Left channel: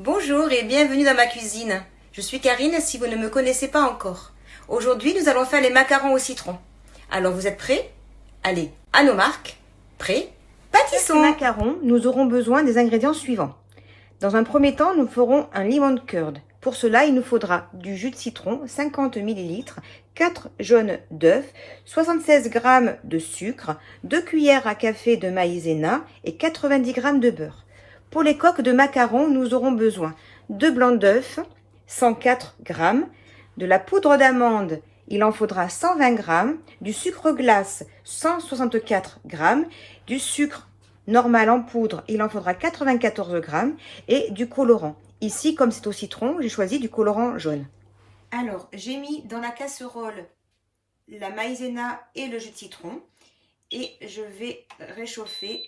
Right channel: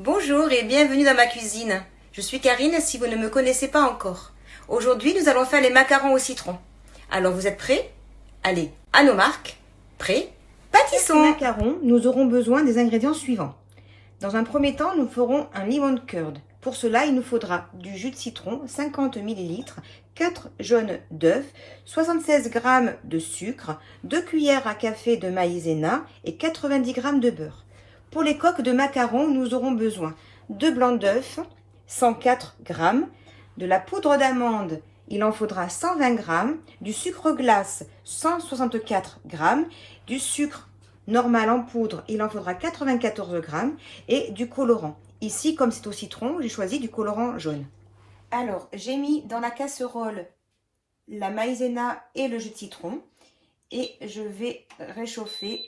Bonjour et bienvenue dans ma cuisine. Je suis Karine si vous ne me connaissez pas encore. Aujourd'hui, nous allons faire les macarons au citron. Alors, vous êtes prêts? Allez, à nos marques. Prêts? Pour Pâtissons! ces macarons, nous aurons besoin des ingrédients suivants. Dans un premier temps, nous ferons un lemon curd. Pour cela, il nous faudra du jus de citron, 50 ml, 4 jaunes d'œufs, 76 g de sucre, 2 cuillères à café de maïzena et 90 g de beurre. Pour les coques de macarons, nous aurons besoin de blancs d'œufs, 104 g, de la poudre d'amande, il en faudra 120 g, du sucre glace, 164 g, du sucre normal en poudre, il en faudra 94 g, et du colorant. Ici, comme c'est au citron, j'ai choisi du colorant jaune. Alors, j'ai mis dans la casserole la maïzena et le jus de citron, et je vais réchauffer,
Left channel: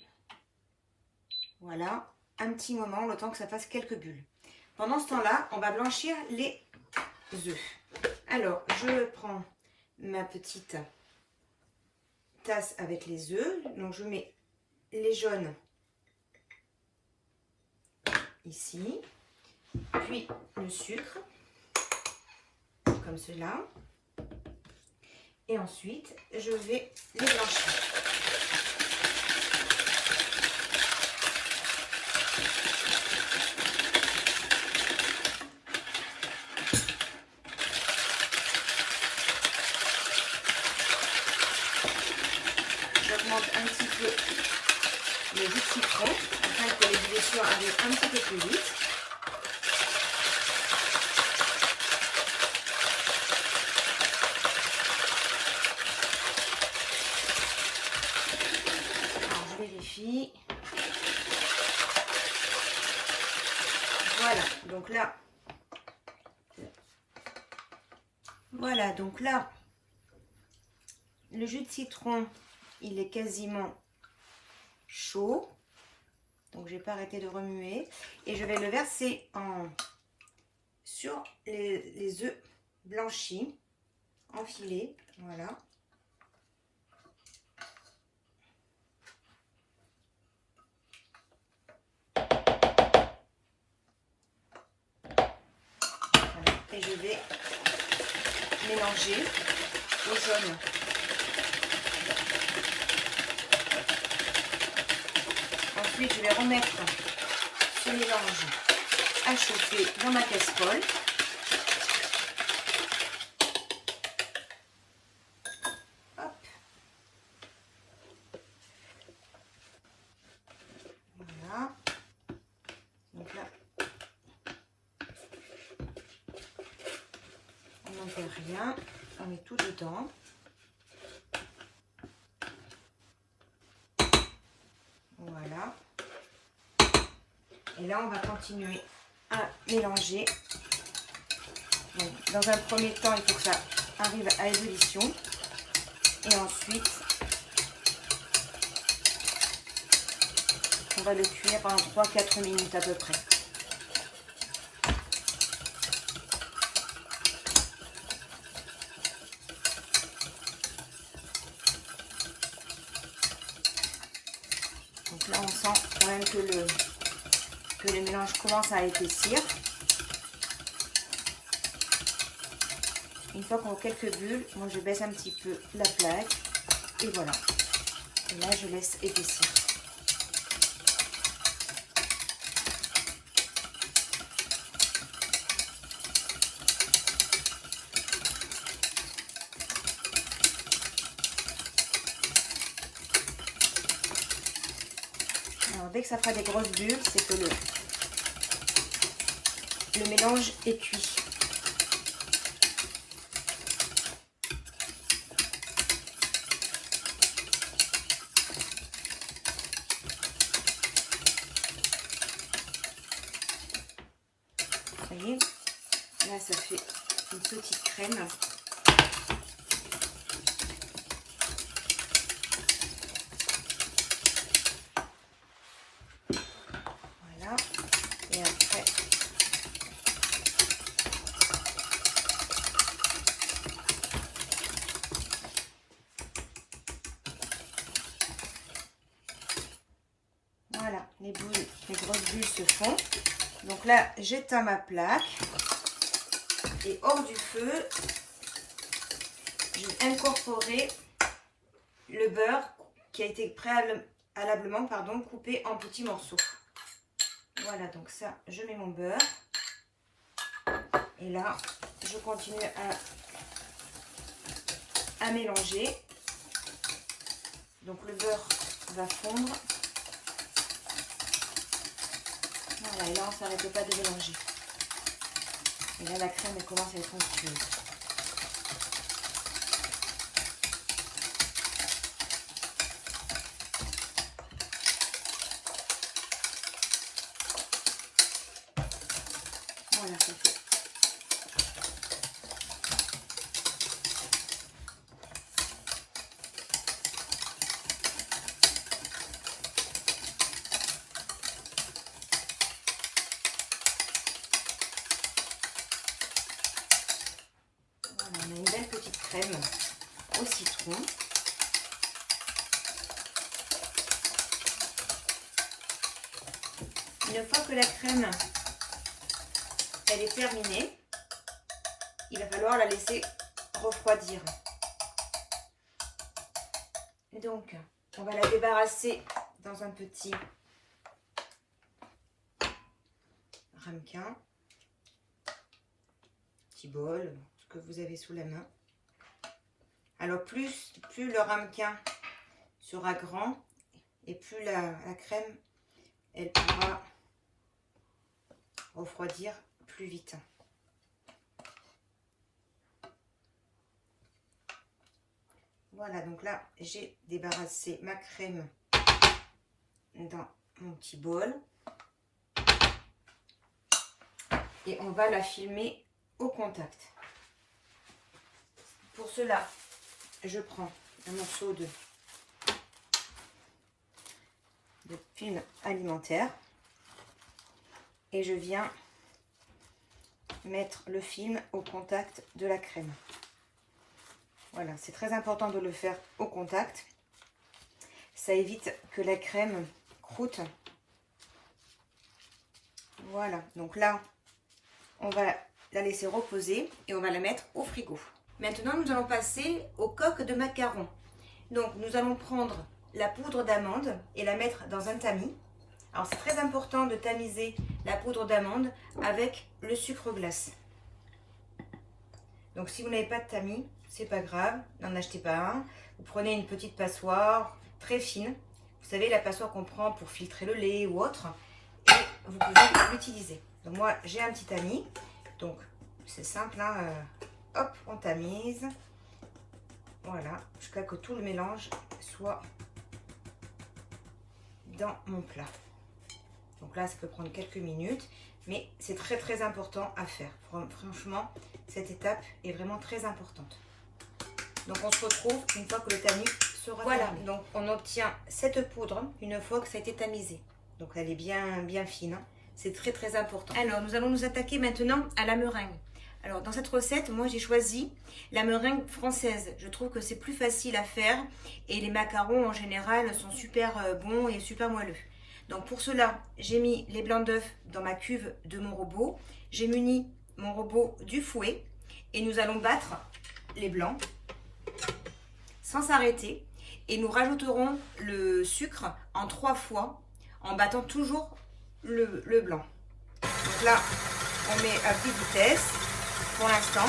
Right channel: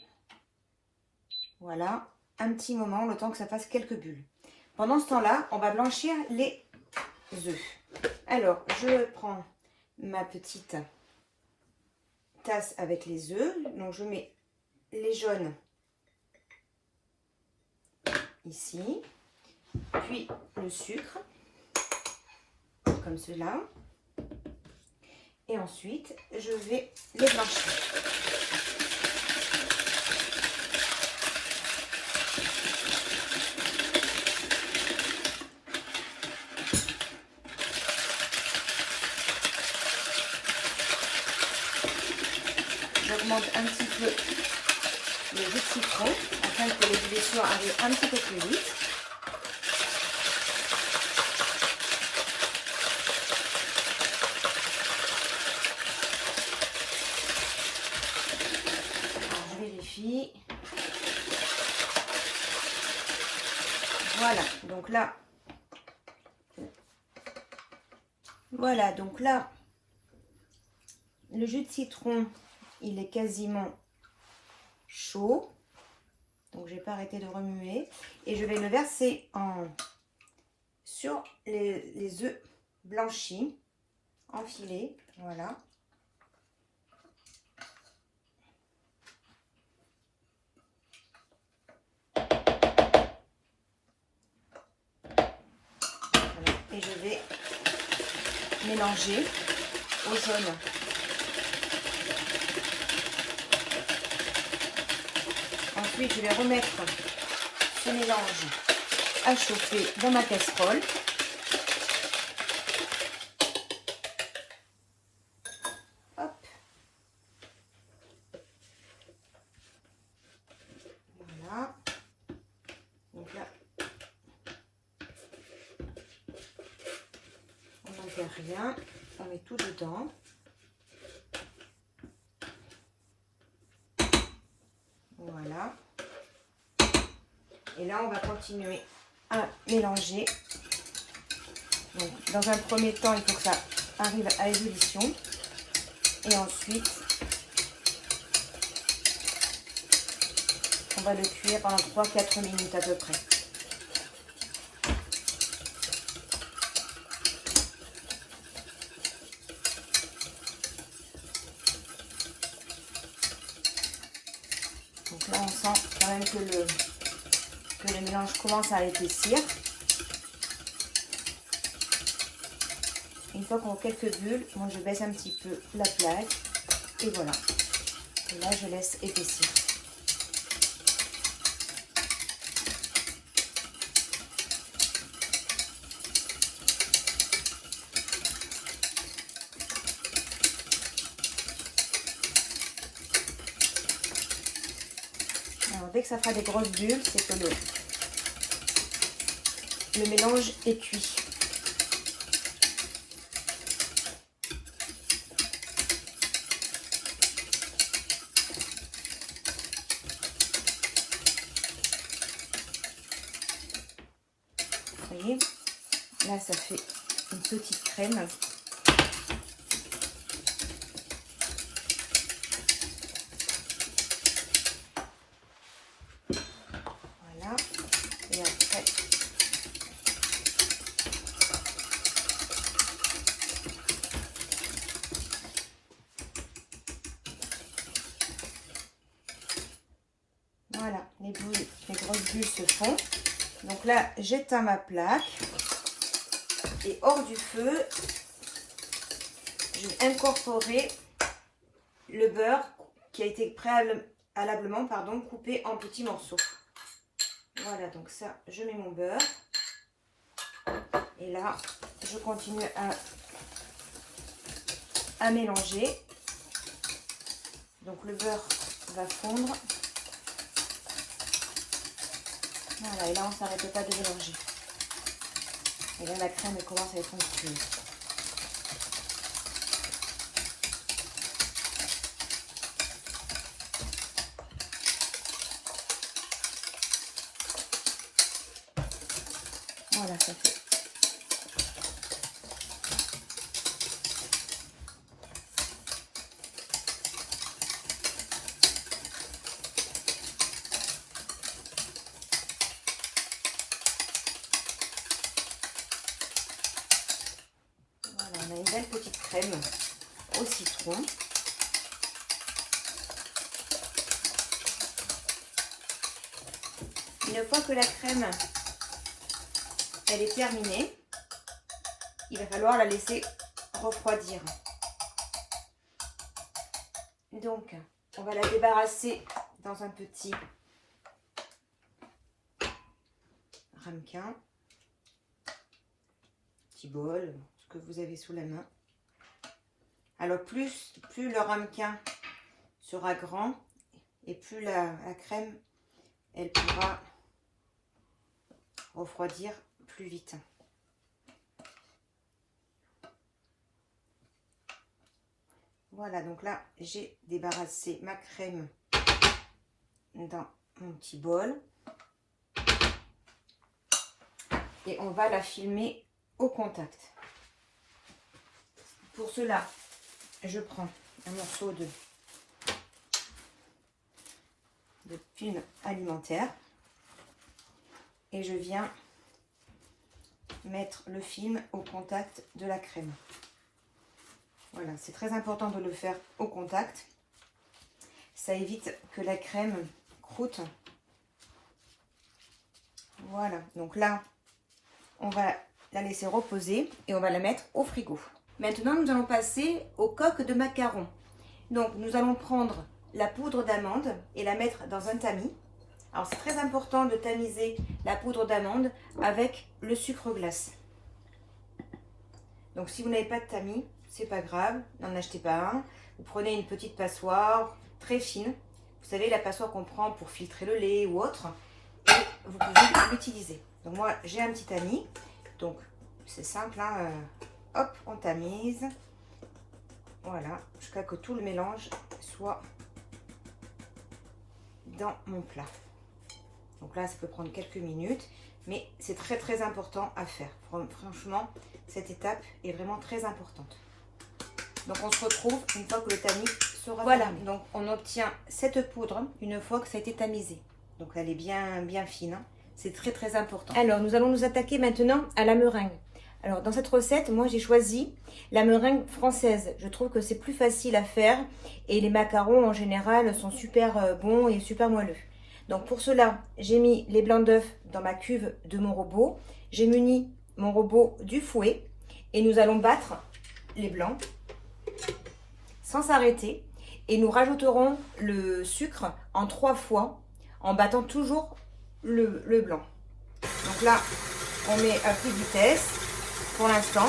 voilà, un petit moment, le temps que ça fasse quelques bulles. Pendant ce temps-là, on va blanchir les œufs. Alors, je prends ma petite tasse avec les œufs. Donc, je mets les jaunes ici, puis le sucre, comme cela. Et ensuite, je vais les blanchir. J'augmente un petit peu le jus de citron afin que les ébullitions arrivent un petit peu plus vite. Alors, je vérifie. Voilà, donc là, le jus de citron, il est quasiment chaud. Donc, je n'ai pas arrêté de remuer. Et je vais le verser sur les œufs blanchis, enfilés. Voilà. Voilà. Et je vais mélanger au jaune. Ensuite, je vais remettre ce mélange à chauffer dans ma casserole. Hop. Voilà. Donc là, on n'enterre rien. On met tout dedans. Voilà. Et là, on va continuer à mélanger. Donc, dans un premier temps, il faut que ça arrive à ébullition. Et ensuite, on va le cuire pendant 3-4 minutes à peu près. Donc là, on sent quand même que le mélange commence à épaissir. Une fois qu'on a quelques bulles, moi je baisse un petit peu la plaque. Et voilà. Et là, je laisse épaissir. Alors, dès que ça fera des grosses bulles, c'est que le mélange est cuit. Vous voyez, là ça fait une petite crème. Voilà, et après voilà, les grosses bulles se font. Donc là, j'éteins ma plaque. Et hors du feu, je vais incorporer le beurre qui a été préalablement coupé en petits morceaux. Voilà, donc ça, je mets mon beurre. Et là, je continue à mélanger. Donc le beurre va fondre. Voilà, et là, on ne s'arrête pas de mélanger. Et là, la crème, elle commence à être onctueuse. Voilà, ça fait. Voilà, on a une belle petite crème au citron. Une fois que la crème elle est terminée, il va falloir la laisser refroidir. Donc, on va la débarrasser dans un petit ramequin, petit bol, ce que vous avez sous la main. Alors, plus le ramequin sera grand et plus la crème, elle pourra refroidir plus vite. Voilà, donc là, j'ai débarrassé ma crème dans mon petit bol. Et on va la filmer au contact. Pour cela, je prends un morceau de film alimentaire et je viens mettre le film au contact de la crème. Voilà, c'est très important de le faire au contact. Ça évite que la crème croûte. Voilà, donc là, on va la laisser reposer et on va la mettre au frigo. Maintenant, nous allons passer aux coques de macarons. Donc, nous allons prendre la poudre d'amande et la mettre dans un tamis. Alors, c'est très important de tamiser la poudre d'amande avec le sucre glace. Donc, si vous n'avez pas de tamis, c'est pas grave, n'en achetez pas un. Vous prenez une petite passoire très fine. Vous savez, la passoire qu'on prend pour filtrer le lait ou autre. Et vous pouvez l'utiliser. Donc, moi, j'ai un petit tamis. Donc, c'est simple, hein. Hop, on tamise. Voilà, jusqu'à que tout le mélange soit dans mon plat. Donc là, ça peut prendre quelques minutes, mais c'est très très important à faire. Franchement, cette étape est vraiment très importante. Donc on se retrouve une fois que le tamis sera terminé. Voilà, donc on obtient cette poudre une fois que ça a été tamisé. Donc elle est bien fine, hein. C'est très très important. Alors nous allons nous attaquer maintenant à la meringue. Alors dans cette recette, moi j'ai choisi la meringue française. Je trouve que c'est plus facile à faire et les macarons en général sont super bons et super moelleux. Donc pour cela, j'ai mis les blancs d'œufs dans ma cuve de mon robot. J'ai muni mon robot du fouet et nous allons battre les blancs sans s'arrêter. Et nous rajouterons le sucre en 3 fois en battant toujours le blanc. Donc là, on met à petite vitesse pour l'instant.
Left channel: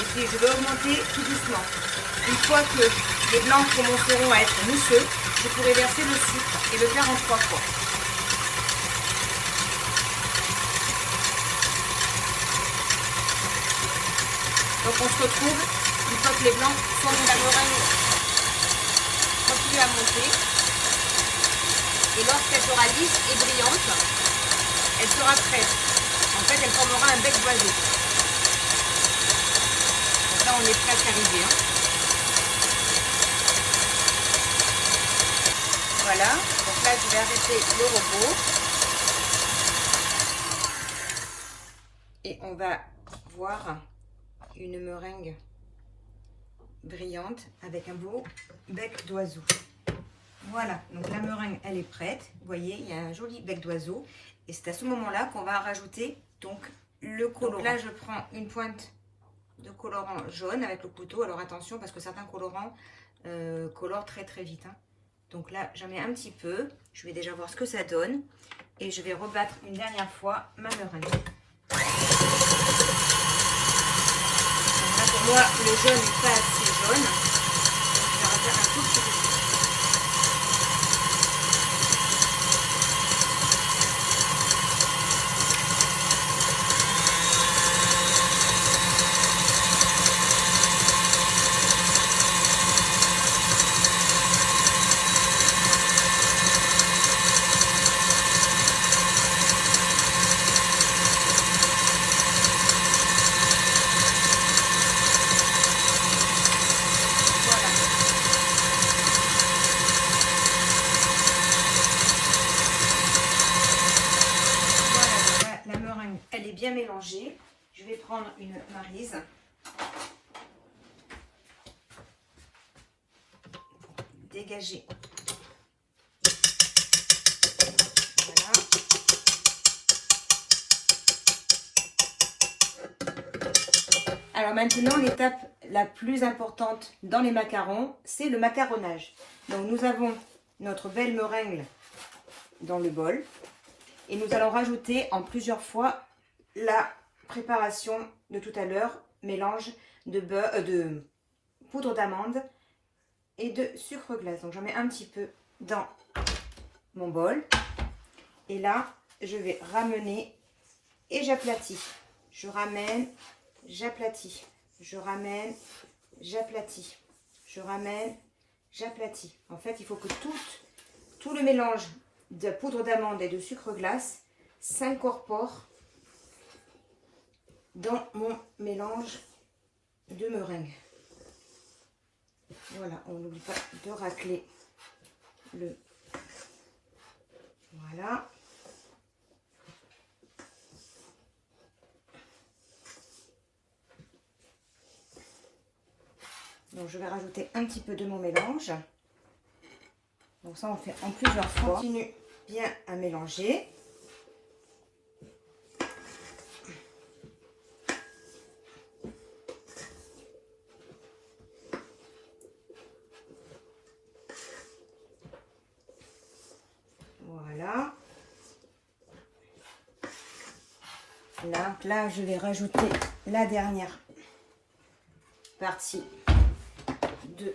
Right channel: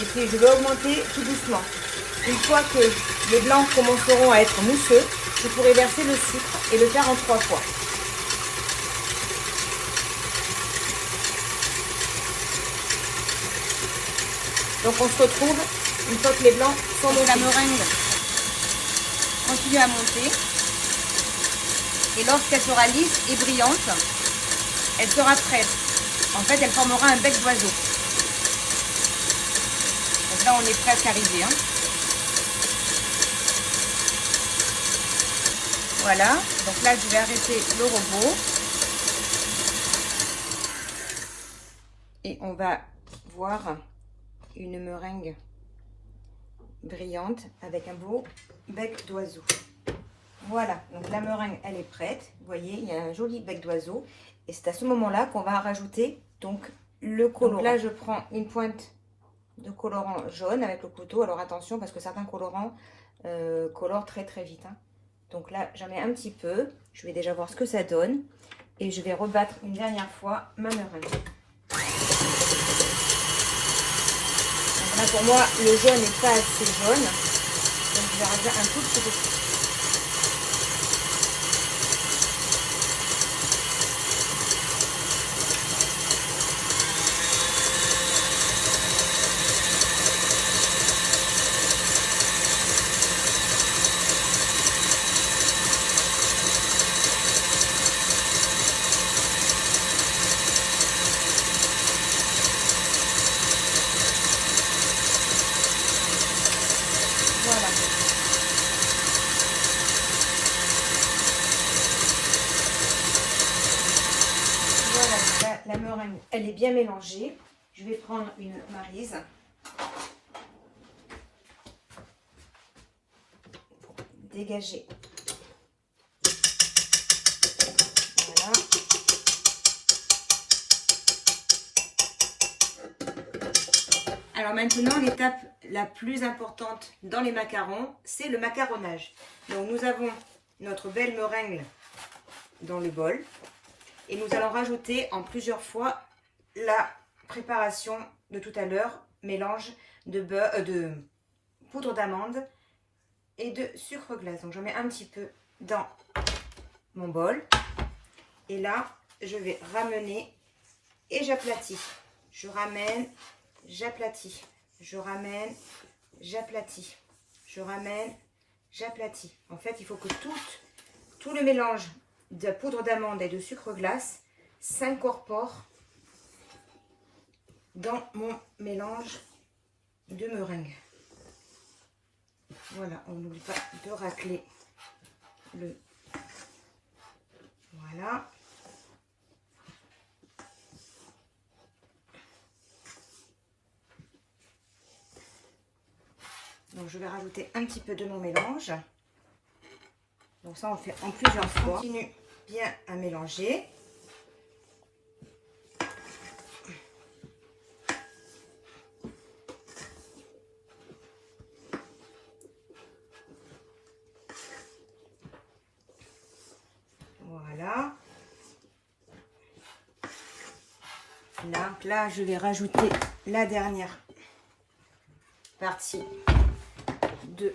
Et puis je vais augmenter tout doucement. Une fois que les blancs commenceront à être mousseux, je pourrai verser le sucre et le faire en 3 fois. Donc on se retrouve une fois que les blancs sont montés. La meringue continue à monter. Et lorsqu'elle sera lisse et brillante, elle sera prête. En fait, elle formera un bec d'oiseau. Donc là, on est presque arrivé. Hein. Voilà. Donc là, je vais arrêter le robot. Et on va voir une meringue brillante avec un beau bec d'oiseau. Voilà, donc la meringue elle est prête. Vous voyez, il y a un joli bec d'oiseau Et c'est à ce moment-là qu'on va rajouter donc le colorant. Donc là, je prends une pointe de colorant jaune avec le couteau. Alors attention parce que certains colorants colorent très très vite. Hein. Donc là, j'en mets un petit peu. Je vais déjà voir ce que ça donne. Et je vais rebattre une dernière fois ma meringue. Là, pour moi, le jaune n'est pas assez jaune. Donc je vais rajouter un tout petit peu. La meringue, elle est bien mélangée. Je vais prendre une maryse. Dégager. Voilà. Alors maintenant, l'étape la plus importante dans les macarons, c'est le macaronnage. Donc nous avons notre belle meringue dans le bol. Et nous allons rajouter en plusieurs fois la préparation de tout à l'heure, mélange de poudre d'amande et de sucre glace. Donc j'en mets un petit peu dans mon bol. Et là, je vais ramener et j'aplatis. Je ramène, j'aplatis. Je ramène, j'aplatis. Je ramène, j'aplatis. En fait, il faut que tout le mélange de poudre d'amande et de sucre glace s'incorpore dans mon mélange de meringue. Voilà, on n'oublie pas de racler le... Voilà. Donc je vais rajouter un petit peu de mon mélange. Donc ça, on fait en plusieurs fois. On continue bien à mélanger. Voilà. Là, je vais rajouter la dernière partie de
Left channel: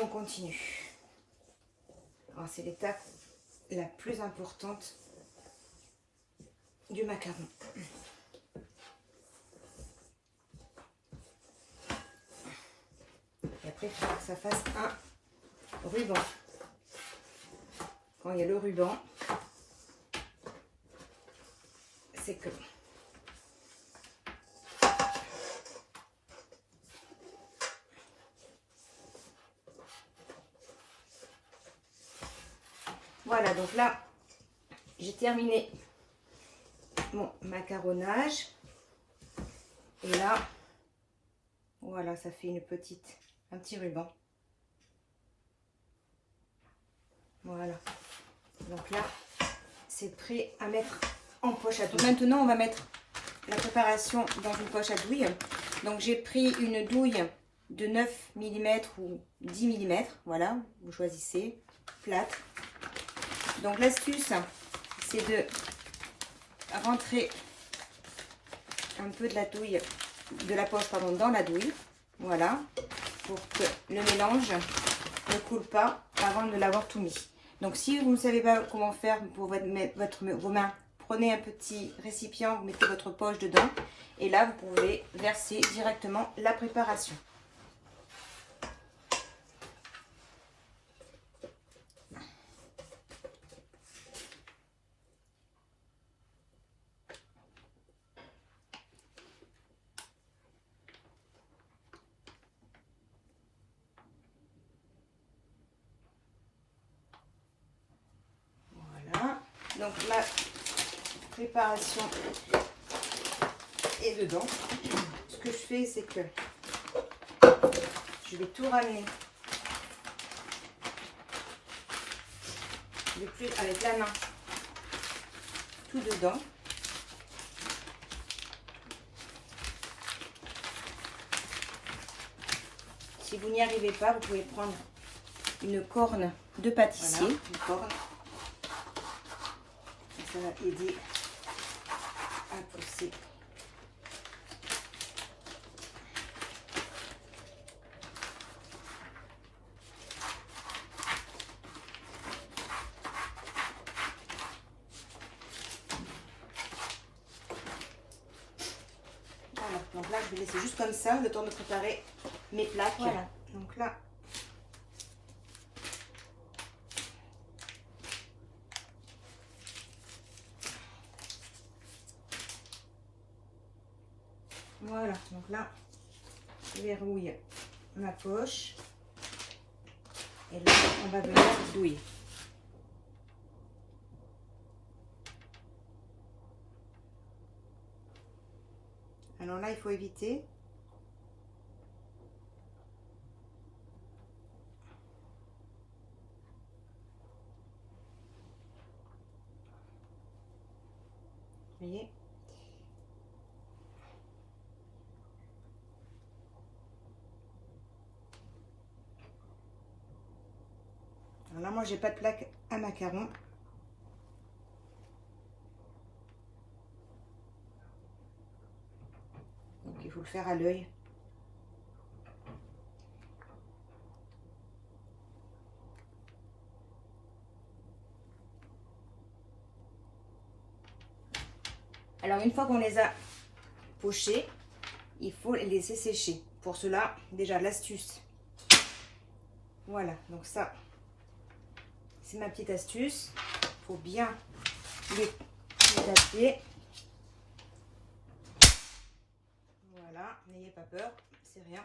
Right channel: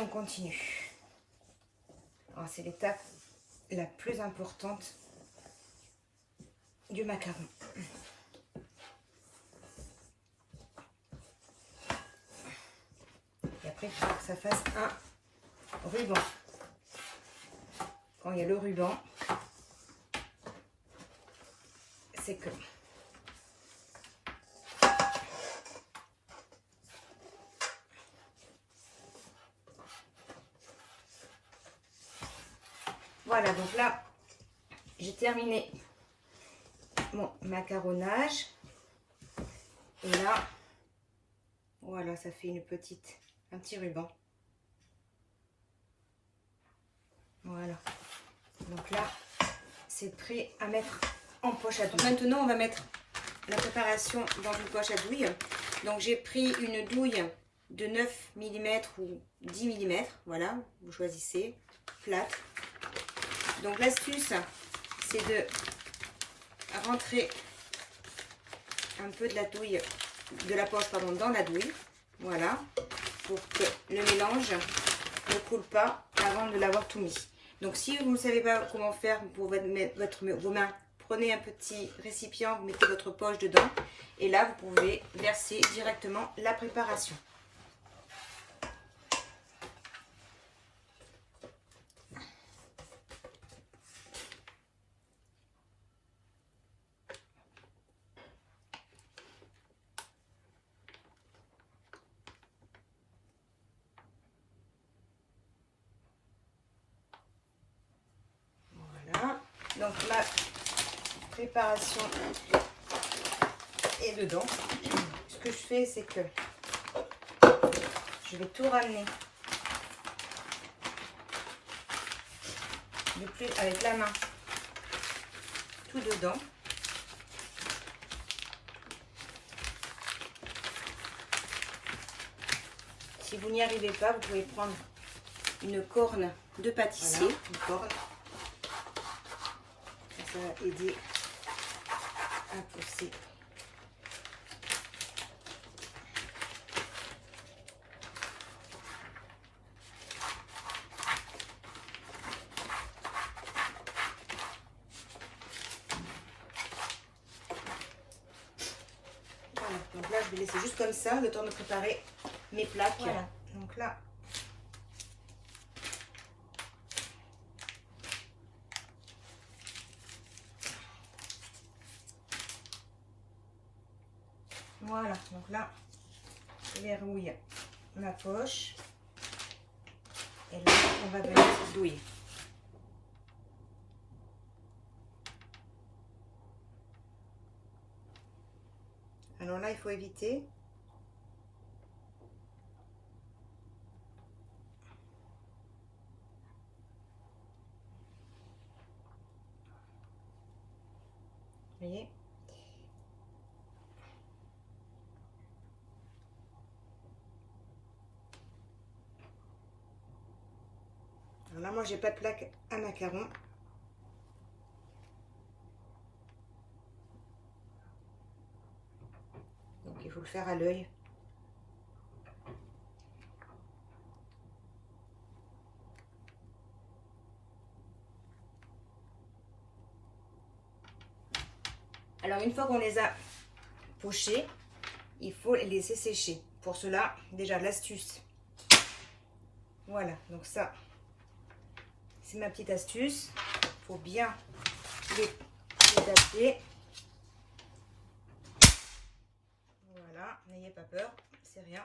on continue. C'est l'étape la plus importante du macaron. Et après, il faut que ça fasse un ruban. Quand il y a le ruban, c'est que voilà, donc là, j'ai terminé mon macaronnage. Et là, voilà, ça fait un petit ruban. Voilà. Donc là, c'est prêt à mettre en poche à douille. Maintenant, on va mettre la préparation dans une poche à douille. Donc, j'ai pris une douille de 9 mm ou 10 mm. Voilà, vous choisissez, plate. Donc l'astuce, c'est de rentrer un peu de la douille, de la poche pardon, dans la douille, voilà, pour que le mélange ne coule pas avant de l'avoir tout mis. Donc si vous ne savez pas comment faire pour vos mains, prenez un petit récipient, vous mettez votre poche dedans et là vous pouvez verser directement la préparation. Donc la préparation est dedans. Ce que je fais, c'est que Je vais tout ramener. De plus avec la main. Tout dedans. Si vous n'y arrivez pas, vous pouvez prendre une corne de pâtissier. Voilà, une corne. Ça va aider à pousser. Voilà, donc là je vais laisser juste comme ça le temps de préparer mes plaques. Voilà, donc là. Voilà, donc là, je verrouille ma poche. Et là, on va venir douiller. Alors là, il faut éviter. Vous voyez? Alors là, moi, j'ai pas de plaque à macarons. Donc, il faut le faire à l'œil. Alors, une fois qu'on les a pochés, il faut les laisser sécher. Pour cela, déjà, l'astuce. Voilà, donc ça, c'est ma petite astuce. Il faut bien les taper. Voilà, n'ayez pas peur, c'est rien.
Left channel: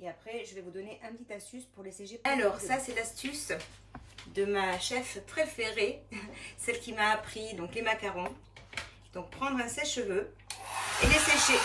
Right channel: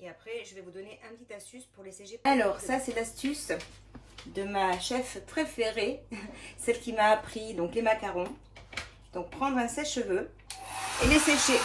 Et après, je vais vous donner une petite astuce pour les sécher. Alors, ça, c'est l'astuce de ma chef préférée, celle qui m'a appris donc les macarons. Donc, prendre un sèche-cheveux et les sécher.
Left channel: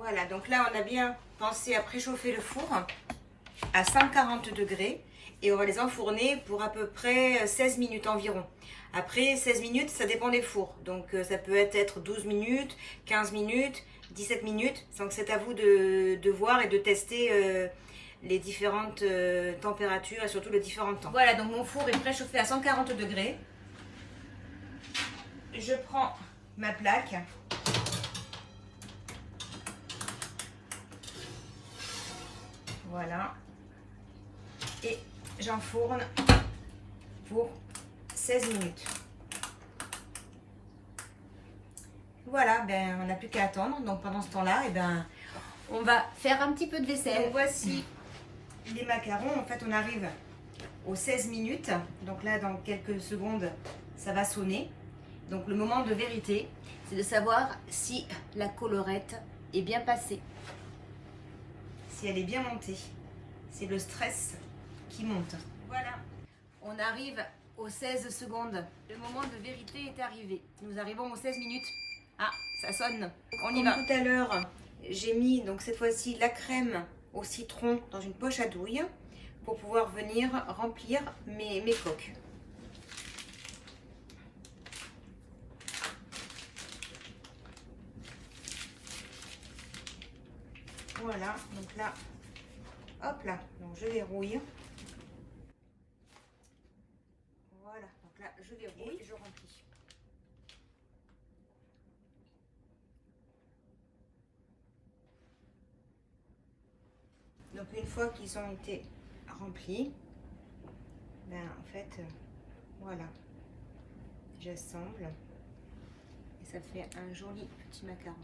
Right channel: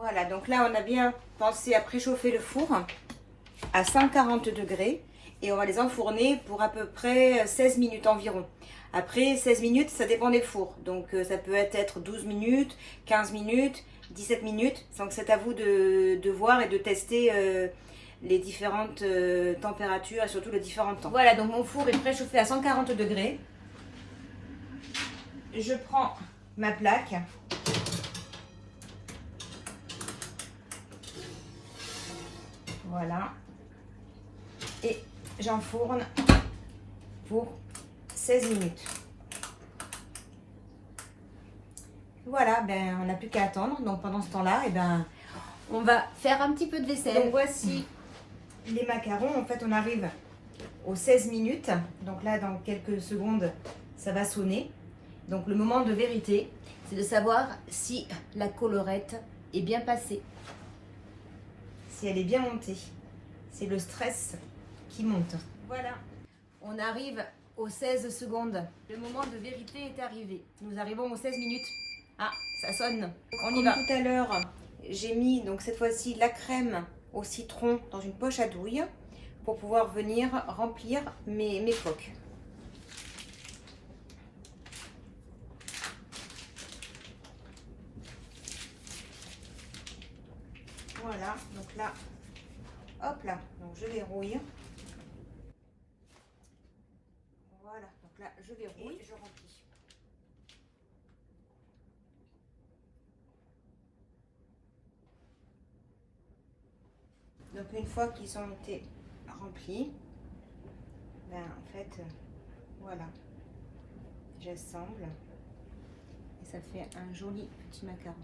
Voilà, donc là, on a bien pensé à préchauffer le four à 140 degrés et on va les enfourner pour à peu près 16 minutes environ. Après, 16 minutes, ça dépend des fours. Donc, ça peut être 12 minutes, 15 minutes, 17 minutes. Donc, c'est à vous de voir et de tester les différentes températures et surtout les différents temps. Voilà, donc mon four est préchauffé à 140 degrés. Je prends ma plaque. Voilà. Et j'enfourne pour 16 minutes. Voilà, ben, on n'a plus qu'à attendre. Donc pendant ce temps-là, eh ben, on va faire un petit peu de vaisselle. Donc voici les macarons. En fait, on arrive aux 16 minutes. Donc là, dans quelques secondes, ça va sonner. Donc le moment de vérité, c'est de savoir si la collerette est bien passée. Si elle est bien montée. C'est le stress qui monte. Voilà. On arrive aux 16 secondes. Le moment de vérité est arrivé. Nous arrivons aux 16 minutes. Ah, ça sonne. On y va. Tout à l'heure, j'ai mis donc cette fois-ci la crème au citron dans une poche à douille pour pouvoir venir remplir mes coques. Voilà, donc là, hop là, donc je verrouille. Voilà, donc là, je verrouille, je remplis. Donc une fois qu'ils ont été remplis, ben en fait, voilà, j'assemble et ça fait un joli petit macaron.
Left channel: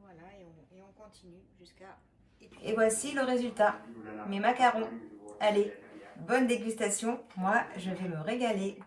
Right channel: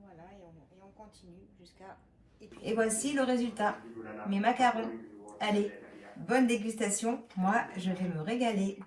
Voilà, et on continue jusqu'à... Et voici le résultat, mes macarons. Allez, bonne dégustation, moi je vais me régaler.